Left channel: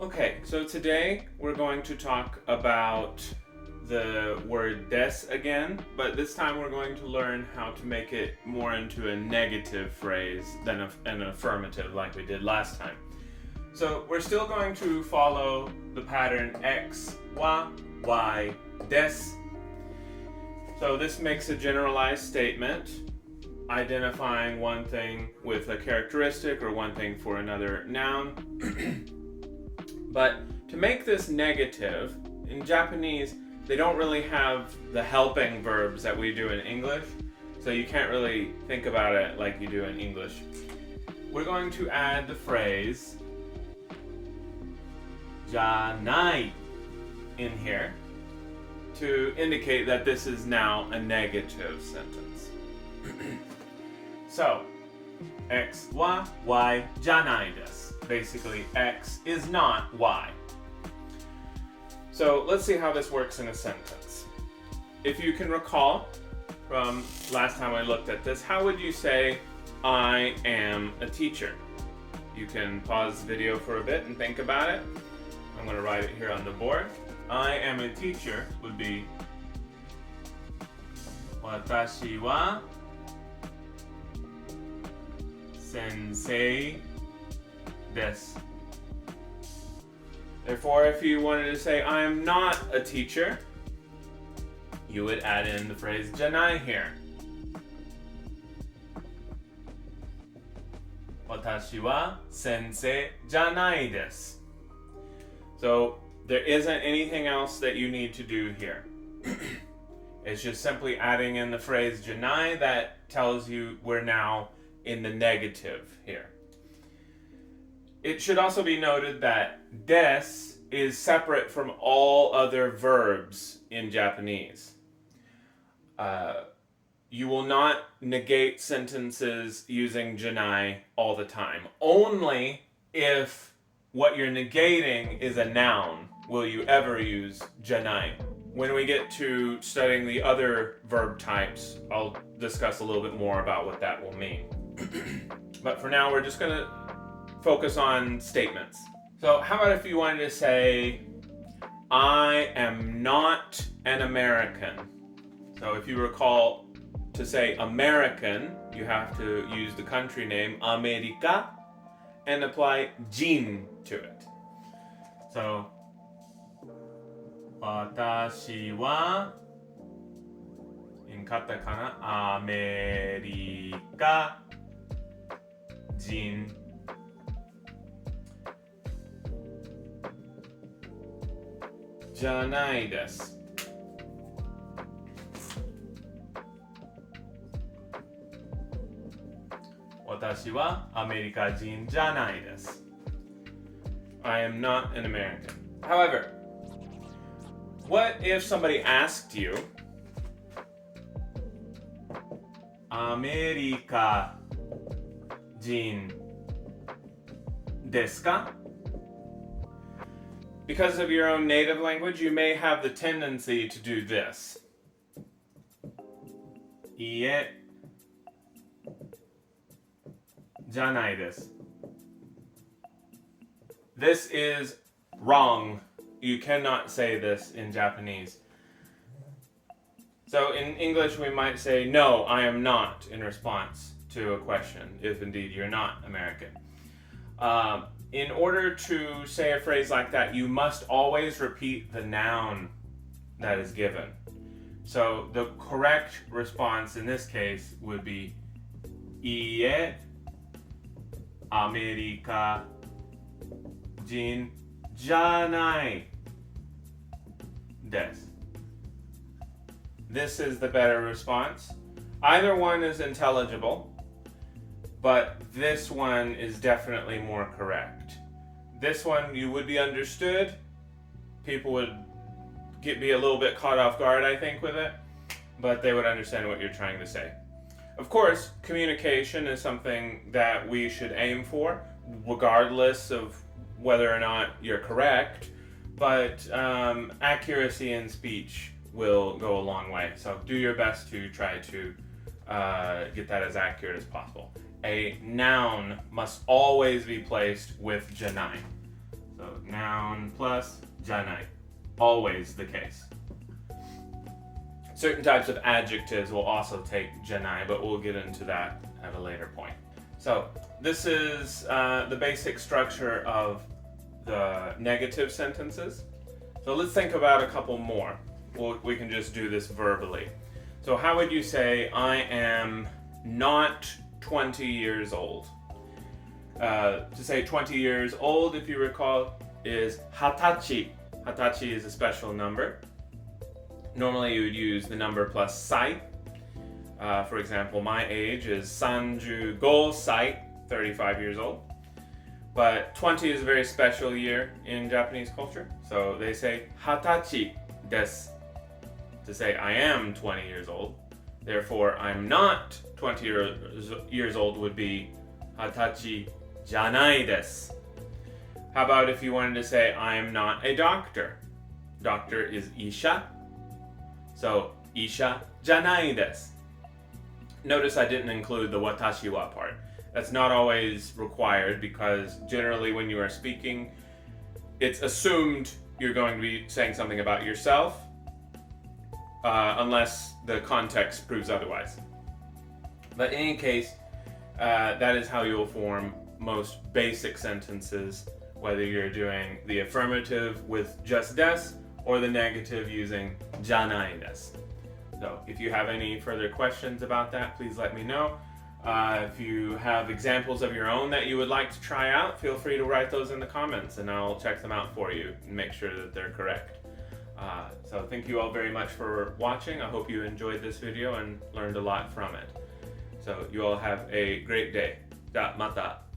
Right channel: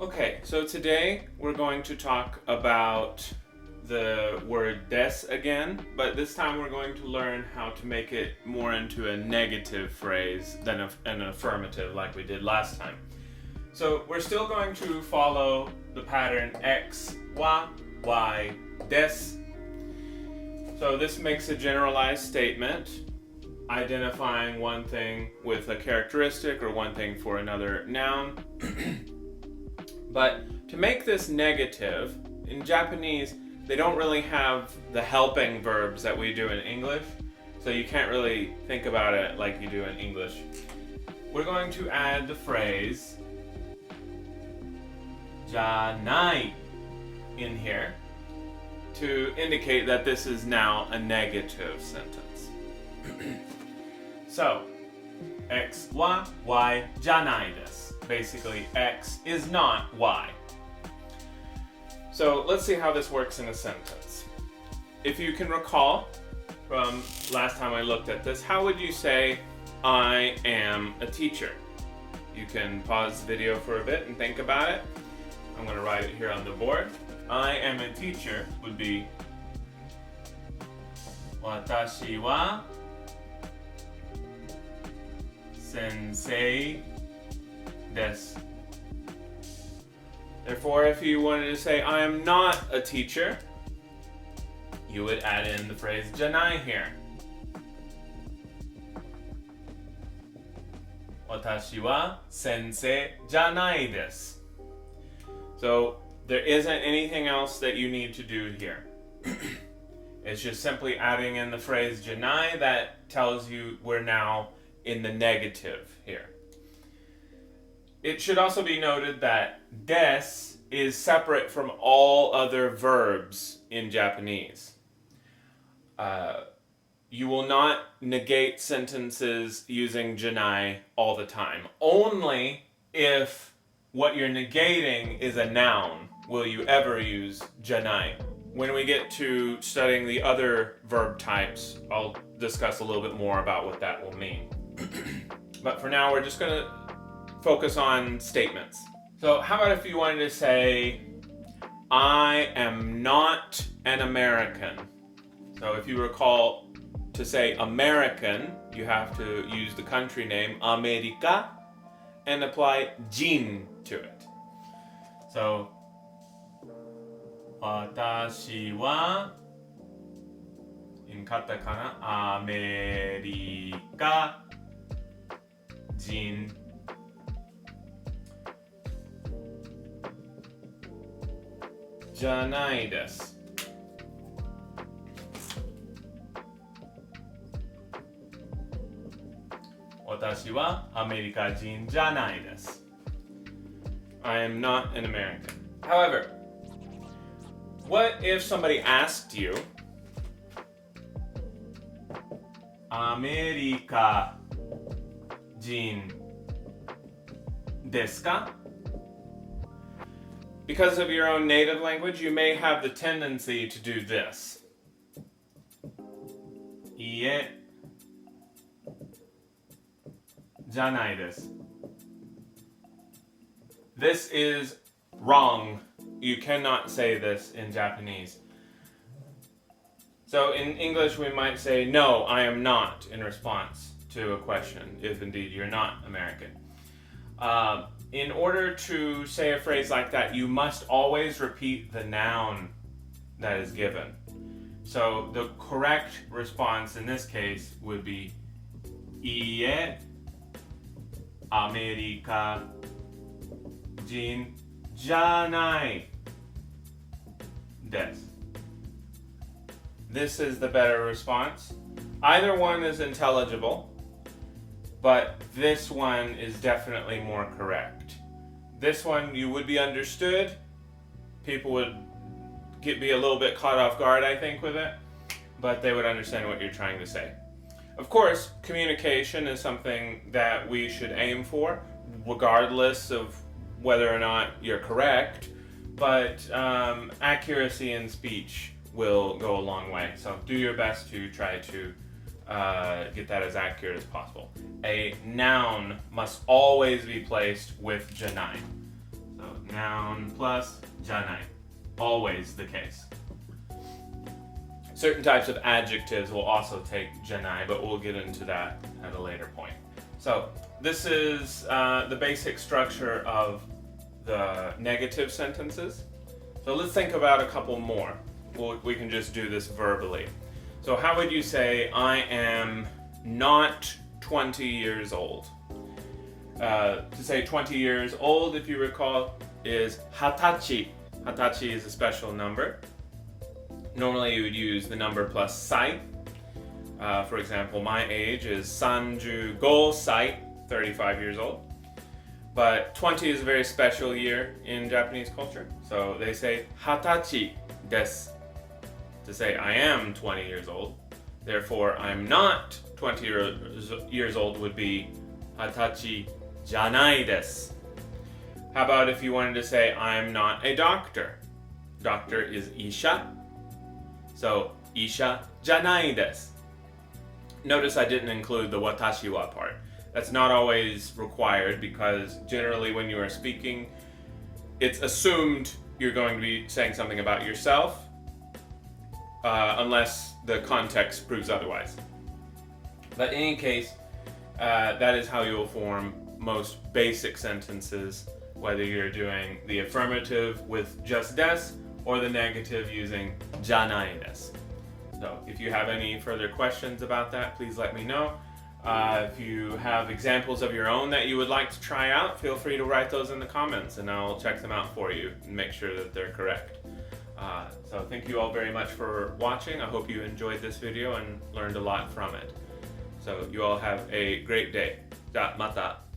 Okay, so today we're going to talk about the word des again, but this time we're going to learn how to make it more into a negative phrase than an affirmative like we did last time. So we're still going to follow the pattern x, wa, y, des. So this makes a generalized statement identifying one thing with a characteristic or one thing for another noun. But to make this negative, in Japanese, they don't really have the helping verbs that we do in English, so you can't really think about it like you do in English. We're going to add the phrase じゃない in here to indicate that this is now a negative sentence. So, x は y じゃないです. Basically, x is not y. So let's see how this works in a sentence. If you can recall from last time I looked at this, how would you say, I am a teacher? You can pause the video for a bit and think about it. I'm going to write it here on the board. I am a teacher would be 私は先生です. Therefore, if you wanted to say, I am not a teacher, you would add in the phrase じゃない here. 私は先生じゃないです. So, there isn't anything else that you need to do here. It's just simply adding in the phrase じゃない that tells you we're now in the negative here. It should also be noted that des is separate from all other verbs in Japanese. You will not negate sentences using じゃない all the time. Only if what you're negating is a noun will you ever use じゃない. When we get to studying the other verb types, I'll discuss a little bit more about what that will mean. But for now, we're just going to focus on statements. So how about if you wanted to say, I am not an American. So if you recall, to say American, you have to use the country name America and apply jin to it. So 私は in katakana アメリカ人じゃないです。私はアメリカ人じゃないです。I am not an American. However, what if somebody asked you, アメリカ人ですか? Because of your own native language, you may have the tendency to do this. いいえ、じゃないです. This is wrong. You cannot say this in Japanese. So in English, we might say, no, I am not, in response to a question, if indeed you're not American. In order to say a phrase like that, you must always repeat the noun that is given. So the correct response in this case would be いいえ、アメリカ人じゃないです. This is the better response. Either one is intelligible, but this one is definitely more correct. This one, you would be understood. People would be a little bit caught off guard, I think, with it, but they would understand what you're trying to say. Of course, communication is something that we should aim for, regardless of whether or not you're correct, but accuracy in speech will go a long way. So do your best to try to get that as accurate as possible. A noun must always be placed with じゃない. So noun noun plus じゃない always the case. Certain types of adjectives will also take じゃない but we'll get into that at a later point. So this is the basic structure of the negative sentences. So let's think about a couple more. We can just do this verbally. So how would you say I am not 20 years old? To say 20 years old, if you recall, is 20. 20 is a special number. Normally you would use the number plus 歳. For example, my age is 35 歳, 35 years old. But 20 is a very special year in Japanese culture. So they say 20歳です to say I am 20 years old. Therefore, I'm not 20 years old would be 20歳じゃないです. How about if you wanted to say I am not a doctor? Doctor is 医者. So 医者じゃないです. Notice I didn't include the watashi wa part. That's not always required because generally when you are speaking, it's assumed you're going to be saying something about yourself unless the context proves otherwise. But in any case, that is how you'll form most basic sentences, whether you're doing the affirmative with just des or the negative using じゃないです. So if you have any further questions about that, please let me know. If you have examples of your own that you would like to try out, feel free to write those in the comments and I'll check them out for you and make sure that they're correct. So thank you all very much for watching. I hope you enjoyed this video and learned a lot from it. So you all have a great day. じゃあまた。